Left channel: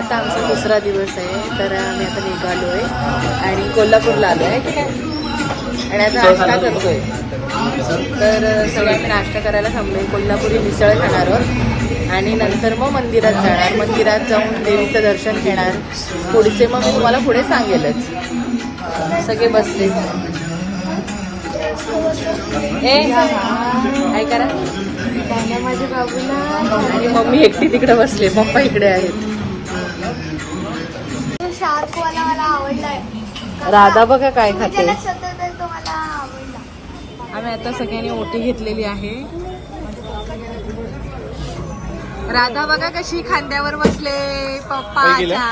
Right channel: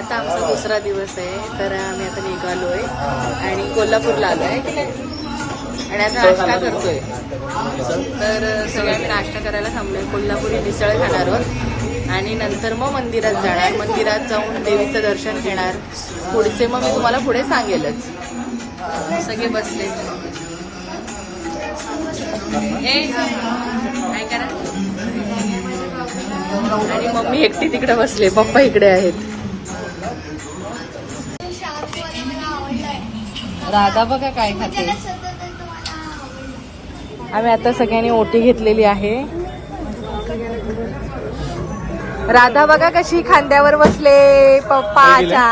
आता आमचा दुसरा दिवस आहे तर आम्ही आता निघालो आहे आणि कोल्हापूरला आलो आहे आणि आता नाश्ता करतोय. तर सगळ्यांनी नाश्ता करायला थांबलोय. कोल्हापुरी मिसळ खाणार आहोत. आणि नंतर मग मंदिरात जाणार. मंदिरात जाऊन देवीचं दर्शन घेणार. पुढचे मग मी तुम्हाला पुढे सांगेलच. सगळे बसले. ऐका आणि मम्मी एकटी तिकडे बसली. पप्पा इकडे आहेत. राधा बघा काय खाते आम्ही आता सगळ्यांनी ओटी घेतलेली आहे राधा बघा कशी खांद्यावर बसले पप्पाच्या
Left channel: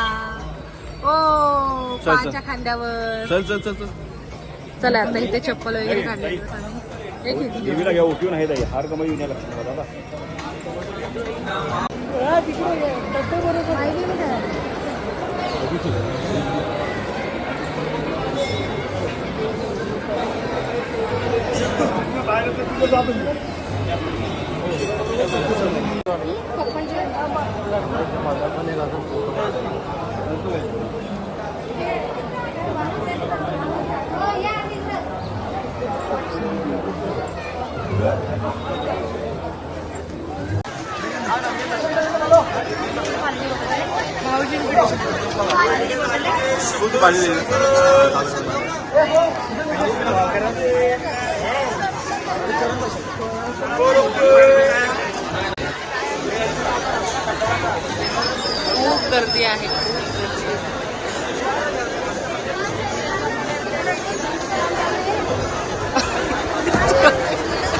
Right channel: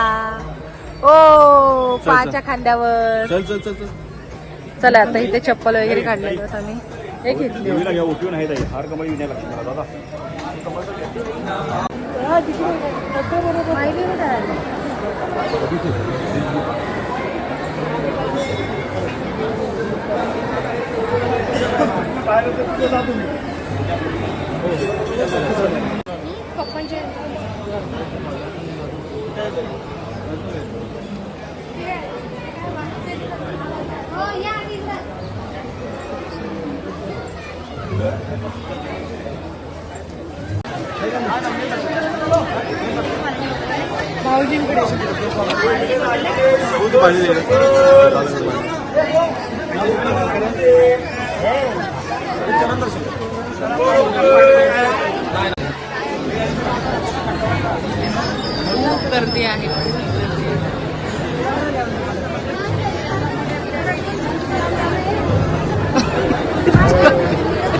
ओ पाच्या खांद्यावर चल चल चल चल आता इथे चप्पल वगैरे काढले आम्ही हे घेतली देवीला घ्या ओपी नाही तांदळाची भाजी. खूप गर्दी आहे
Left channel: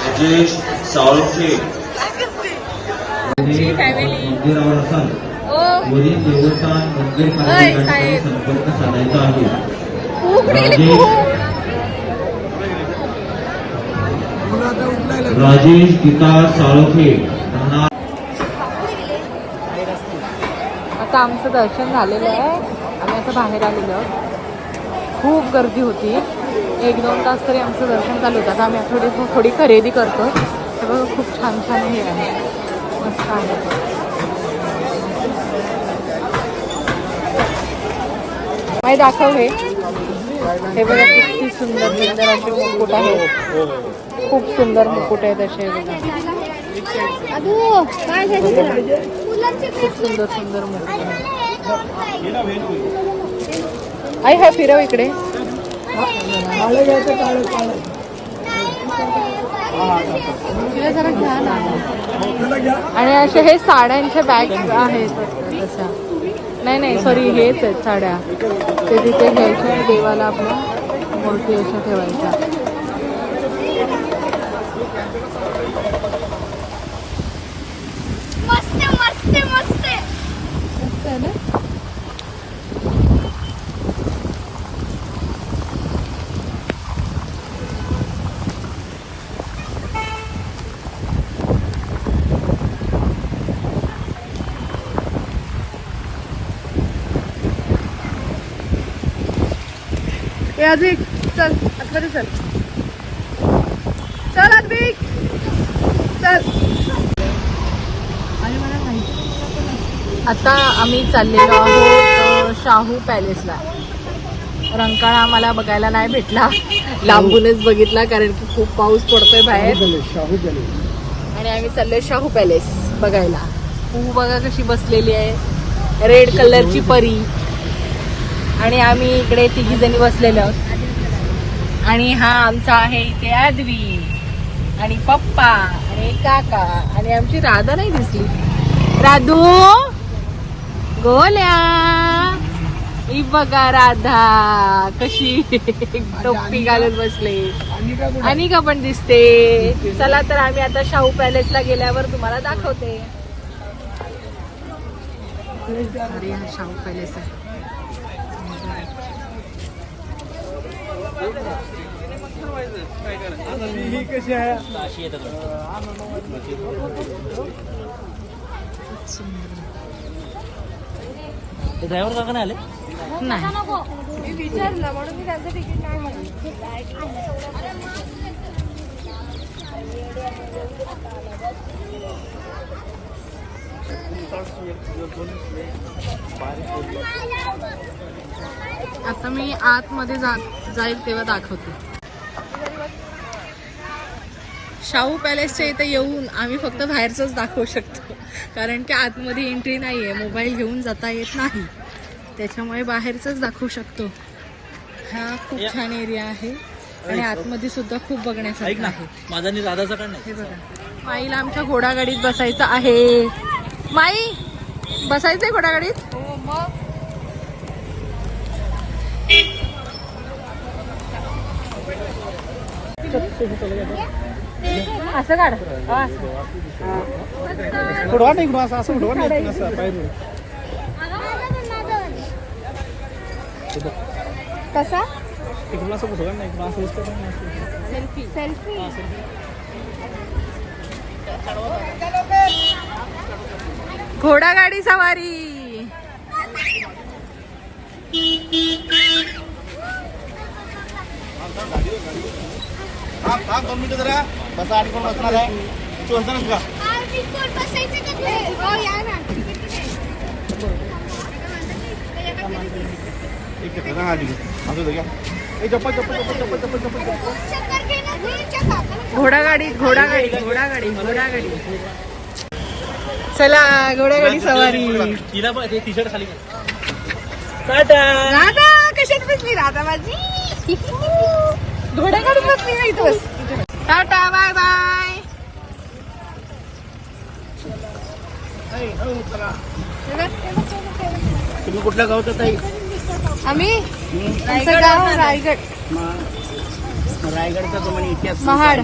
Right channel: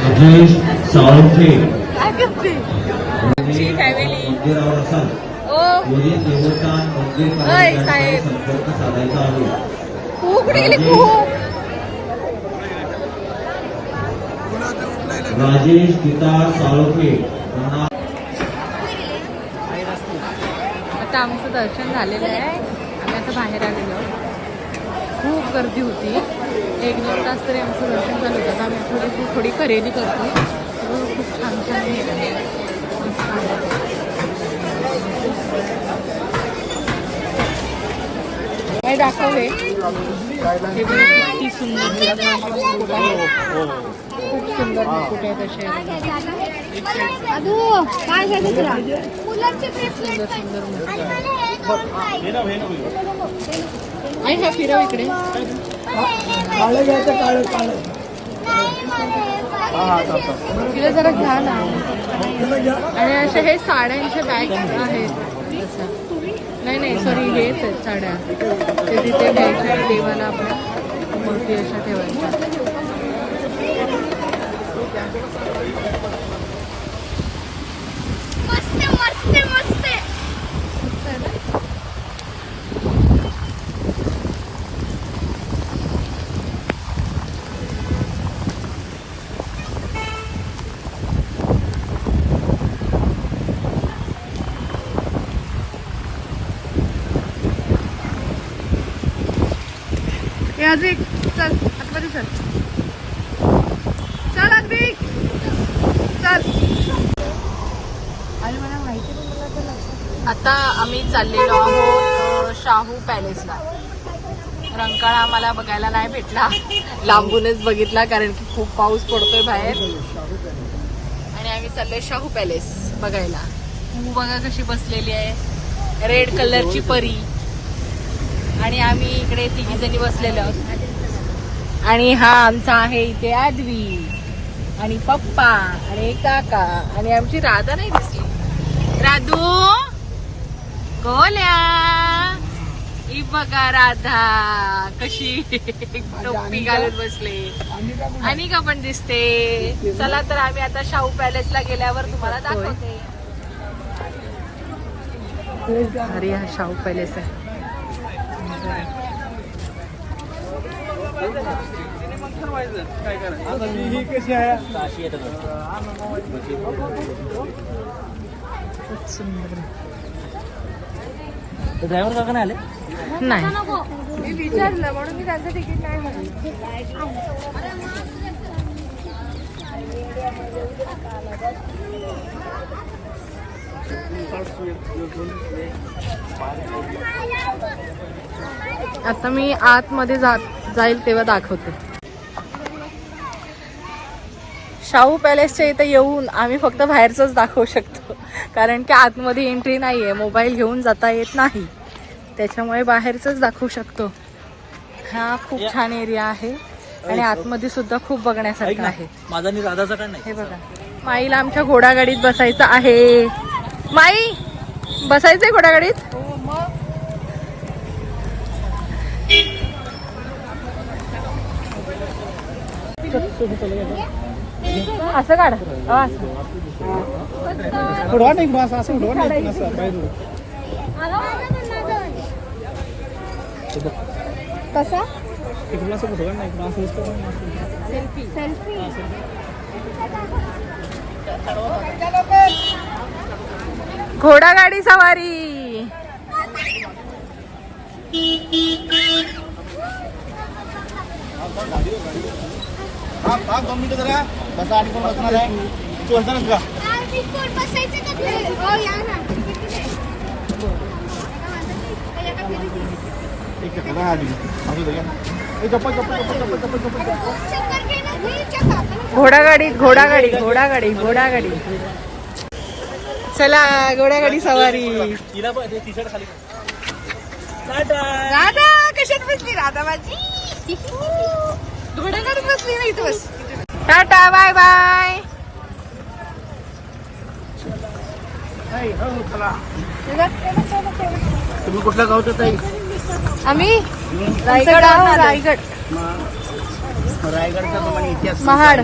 राजेश साळुंखे खूप राजेश खूप राजेश पिता साळोखे आता आमचं दर्शन झालेलं आहे. आम्ही आता बाहेर आलेलो खूप गर्दी होती. एक दोन तास तरी आमचं दर्शन चालू होतं. आता आम्ही थोडी थोडी खरेदी करतो. सगळं खूप छान छान हे. काय दाखव हे. हे बघा किती सुंदर सुंदर असे मुकुट आहे. खूप सुंदर मुकुट आहेत असे घ्यायचं खूप सुंदर सुंदर मुकुट आहे. आई हा फिरव इकडे. तिला जरा घ्या ना. आणि असे हे साड्यांचे बॅग आहेत. नाही नाही सॉरी हेच आहेत साड्या ते तिथे घ्यायच्या देवाला आपण मोठी अशा ठेवायच्या मस्त मस्त मस्त. मस्त आहे ना? अजिक चल आतमध्ये चल. चल अद्विक चल. आता आम्ही चाललेलो आहोत शाहू पॅलेसला. रंकाळा आम्हाला बघायला नाही भेटला. लांबूनच बघितला कारण की खूप पाऊस पडतोय बाहेर. आणि आम्ही चाललोय शाहू पॅलेस बघायला. पू बघा कशी बसलेली आहे. रेड कलरची परी. आणि आम्ही इकडे तिघी जणी बसलेलो. आहोत आणि हा आमचा आहे इथे आदवी आणि पप्पा आणि काका आणि आमची राधा नाही दिसली. राधू गोल्या. ही बघा राधा कशी टोपी घालत बसले. आणि का पण दिसते. चला तर आम्ही आता शाहू पॅलेसला गेल्यावर तुम्हाला दाखवते. अरे हा शाहू पॅलेस आहे. खूप सुंदर ड्रायव्हर काका नाही आले? नाही मी विचारलं म्हणून मी त्यांचं तिकीट नाही म्हणून आता मी आतमध्ये जात जाईल तेव्हा दाखवते. शाहू पॅलेसच्या इथे येऊन आम्ही फक्त बाहेरच दाखवू शकतो. कारण की आतमध्ये एंट्री नाहीये मोबाईल घेऊन जाता येत नाही. त्याच्यामुळे बाहेरच दाखवू शकतो. हा खूप छान एरिया आहे. आणि आतमध्ये सुद्धा खूप बघण्यासारखं आहे. माझा नाही? हे बघा. माईला आमच्या घोडागाडीत बसायचं आहे. माई बसायचंय घोडागाडीत? असं काढ. हो, असं. उडवा नाही असं असं उडवा नाही असं पाहिजे कसा? इकडून असं नाही इकडून असं. सेल्फी सेल्फी घोडागाडी सवारी. हो घोडागाडी घोडागाडी घोडागाडी घोडागाडी चला घोडागाडी सवारी. तिला टी शर्ट खाली राधा कशात बसली? राधा माझी. घोड्याकडे बसली नाही बस टाटा बाय बाय. तुम्ही कुठल्या गावचं ताई? आम्ही रायगड गाव रायगड रायगड. रायगडचा तुम्हाला इतिहास महाड.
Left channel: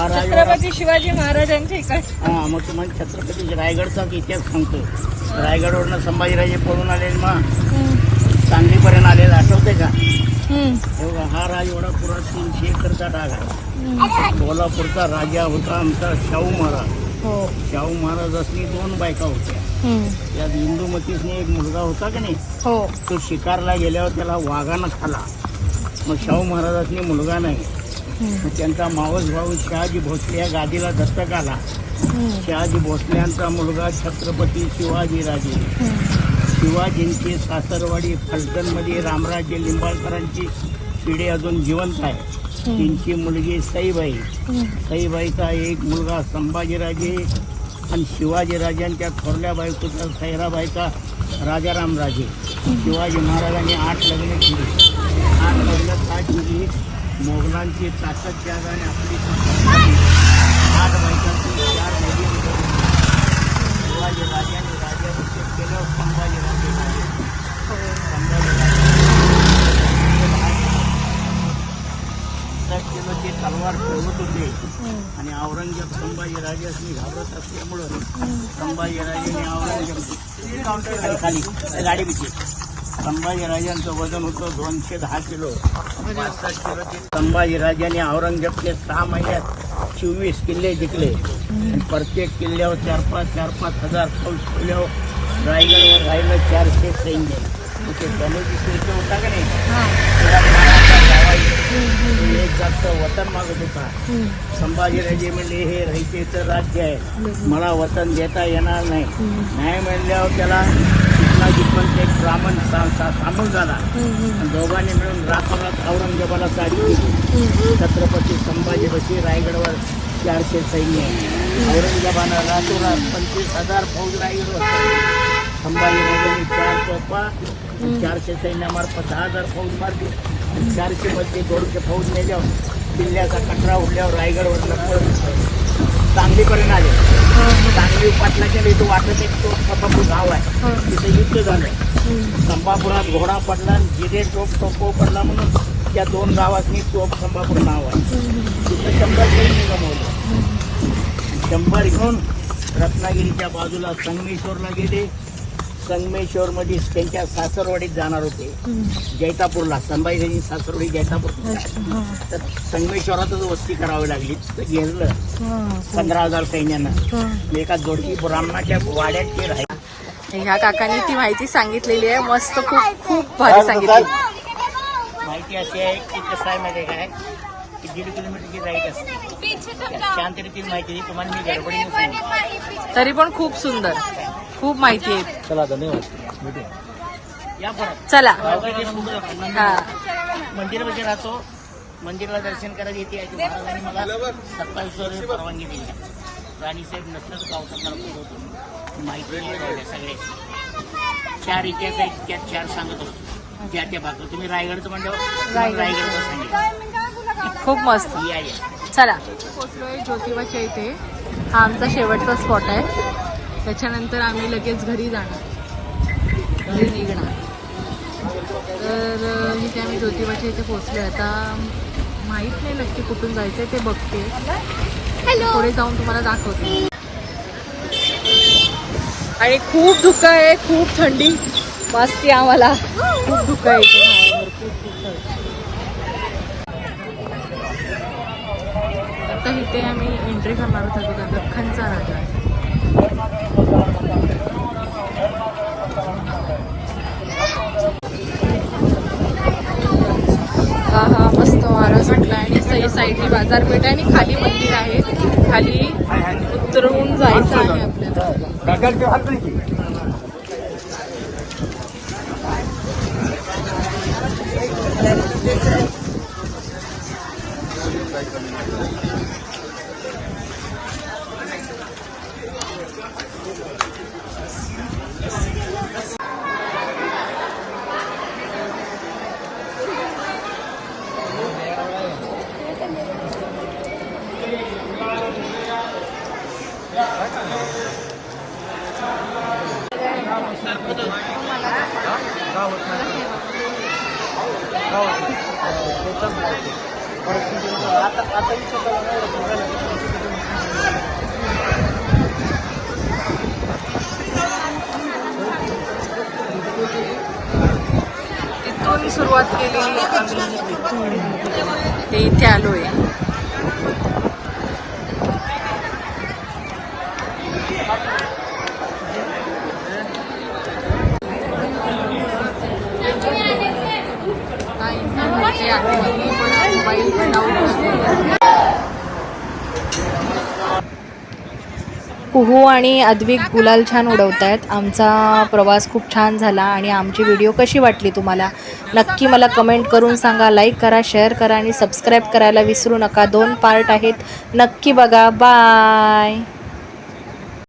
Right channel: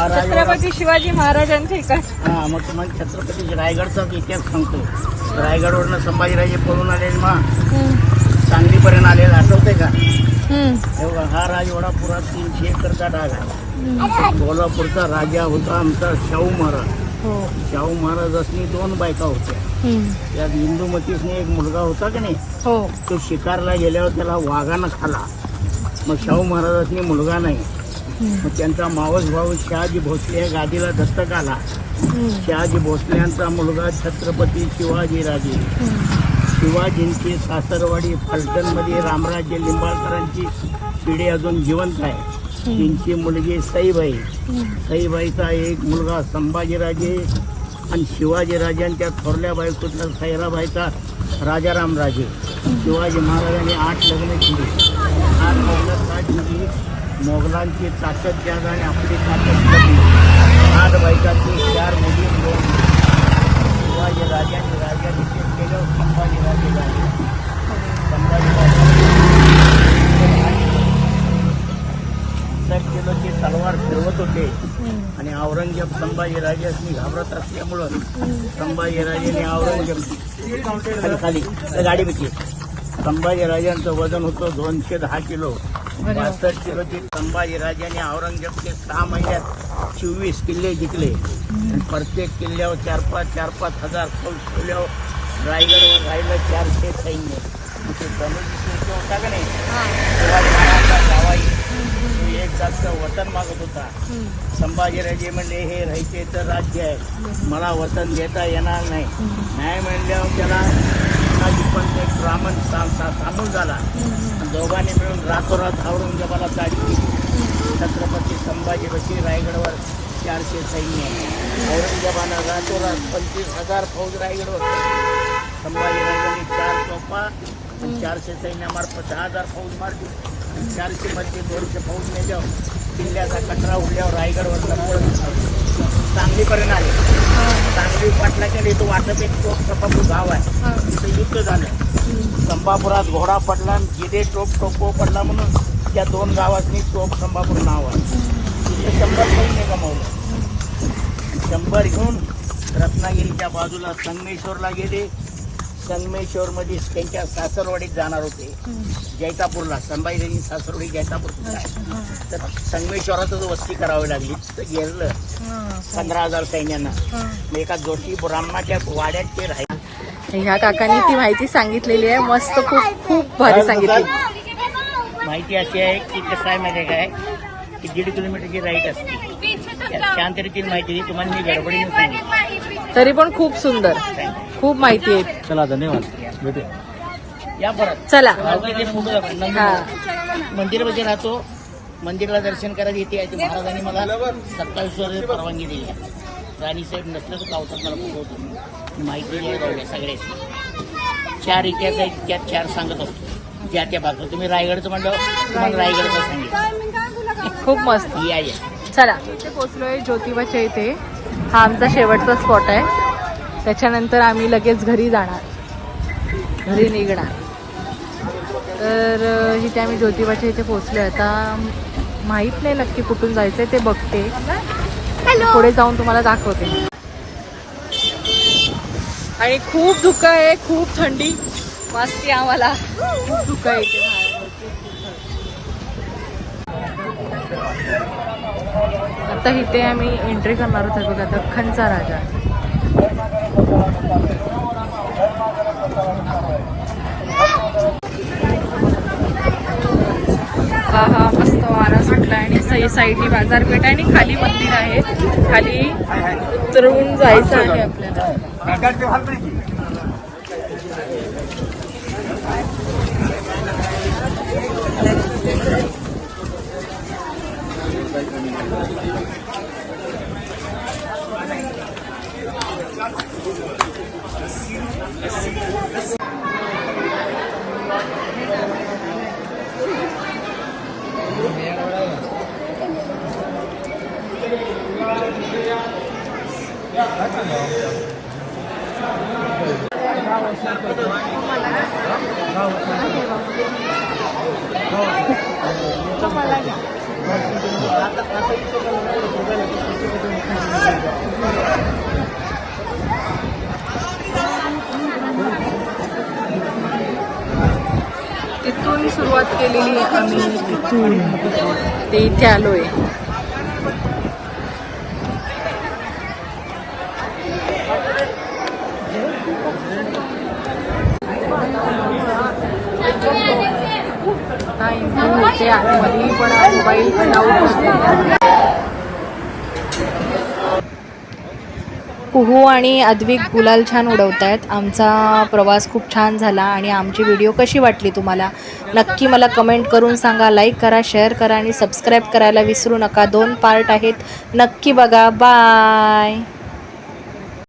हा छत्रपती शिवाजी महाराजांची हा मग तुम्हाला छत्रपती रायगडचाच इतिहास सांगतो. रायगडवरनं संभाजीराजे पळून आले मग सांगलीपर्यंत आलेला आठवते का? एवढा हा राजवाडा पुरा तीनशे एकरचा डाग आहे? कोल्हापूरचा राजा होता आमचा शाहू महाराज. हो. शाहू महाराजांनी दोन बायका होत्या. त्यात इंदुमतीसने एक मुलगा होता की नाही? हो. तो शिकारला गेल्यावर त्याला वाघानं खाला. मग शाहू महाराजांनी मुलगा नाही. मग त्यांचा मावस भाऊ शहाजी भोसले या गादीला दत्तक आला. शहाजी भोसल्यांचा मुलगा छत्रपती शिवाजी राजे. शिवाजींची सासरवाडी फलटणमध्ये रामराज्य लिंबाळकरांची पिढी अजून जिवंत आहे. त्यांची मुलगी सईबाई. सईबाईचा एक मुलगा संभाजीराजे आणि शिवाजीराजे आणि त्या थोरल्या बायकोचा सैराबाईचा राजाराम राजे. शिवाजी महाराजांनी आठ लग्न केली. आठ लग्न मोगलांची ताकद घ्या आणि आपली ताकद कमी आठ बायकातून चार मुली आणि दोन मुली. शिवाजी राजांनी राज्याभिषेक केलं संभाजीराजे राजे संभाजीराजे की तलवार ठेवत होते. आणि औरंगजेब संभाजीराजांनी घाबरत असल्यामुळं संभाजीराजांनी औरंगजेब खाली खाली. गाडी पैकी संभाजीराजांचं वजन होतं दोनशे दहा किलो. बासष्ट किलोची संभाजीराजांनी औरंगजेबचे सहा महिन्यात चोवीस किल्ले जिंकले. प्रत्येक किल्ल्यावर चार पाच चार पाच हजार फौज ठेवल्यावर रायगडवर राहिलं चारशे सैन्य. शिर्के होता का नाही? एक जास्त वतन मागत होता. संभाजीराजे म्हणले हे रहितेचं राज्य आहे. मला वतन देता येणार नाही. नाही म्हणल्यावर त्याला पण एक ब्राह्मण सा- सा- सामून झाला. आणि दोघांनी मिळून रातोरात औरंगजेबाला साडी दिली. छत्रपती संभाजी बशी रायगडवर चारशे सैन्य. औरंगजेबानं रातोरात पंचवीस हजार फौज रायगडवर टाकली. संभाजीराजांनी चार तोफा आणि चारशे सैन्यामार्फत दहा हजार फौज मारली. आणि चारशे मध्ये दोनशे फौज नेल्यावर किल्ल्याचा कचरा उडल्यावर रायगडवर लपळ सांगलीपर्यंत आले. सांगली पाटला केली तो वाटत एक तो संपापूर गाव आहे. तिथं युद्ध झालंय. संपापुरात घोडा पडला आणि जिरे टोप टोपो पडला म्हणून त्या दोन गावातनी टोप संपापूर नाव आहे. तिथं शंभर सैन्य गमावलं. शंभर घेऊन रत्नागिरीच्या बाजूला संगमेश्वरला गेले. संगमेश्वर मध्ये त्यांच्या सासरवाडीत जाणार होते. जैतापूरला संभाजीराजी सासरवाडी जैतापूर. तर संगमेश्वरातच वस्ती करावी लागली. तर घेरलं पंधरा हजार सैन्यानं. एका जोडकी ब्राह्मणाच्या वाड्यात ते राहिले ह्या काकांनी ती माहिती सांगितलेली आहे. मस्त खूप खूप भारी सांगितली. माहिती अशी आहे की कसं आहे माहिती काय? की दीड किलोमीटरची राईट असते. त्यात छान तरीची माहिती तुम्हाला मी गडबडीने सांगितली. तरी पण खूप सुंदर. खूप माहिती आहे. चला धन्यवाद. भेटूया. या परत. चला. हा. मंदिरामध्ये राहतो. मंदिराला दर्शन करायला येते आहे ते महाराजांनी मला सत्तावीस वर परवानगी दिली आहे. राणीसाहेब नसलं तर गावतात मला बोलवतो आणि माहिती दिली आहे सगळ्याची. चार इतिहास आहेत त्यात चार सांगत असतो. ज्या त्या भागात. तुम्ही रायगडचं म्हणलं तुम्हाला रायगडचं सांगेल खूप मस्त. या या. चला. पोचलोय ज्योतिबाच्या इथे. हा आमचा शेवटचा स्पॉट आहे. त्याच्यानंतर आम्ही लगेच घरी जाणार. घरी निघणार. तर इथे आम्ही ज्योतिबाच्या इथे पोचलोय आता माहीत नाही नक्की कुठून जायचंय ते बघते. पुढे जाऊन तुम्हाला दाखवते. आणि खूप धुकं आहे खूप थंडी. वाजते आम्हाला. खूप धुकं आहे इथे खूप थंडी. आता इथे आम्ही एंट्री करणार होतो बघा दख्खनचा राजा. हा हा मस्त वारा सुटला आणि सई साईडनी बाजारपेठ आणि खाली मंदिर आहे. खाली उतरवून जायचं आहे आपल्याला तिथून सुरुवात केलेली आहे आम्ही तिथून. ते इथे आलोय. नाही, ते पण मोबाईल पण लावून बसलेला. कुहू आणि अद्विक गुलाल छान उडवत आहेत आमचा प्रवास खूप छान झाला आणि आमची व्हिडिओ कशी वाटली तुम्हाला? नक्की मला कमेंट करून सांगा लाईक करा शेअर करा आणि सबस्क्राईब करायला विसरू नका. दोन पार्ट आहेत. नक्की बघा. बाय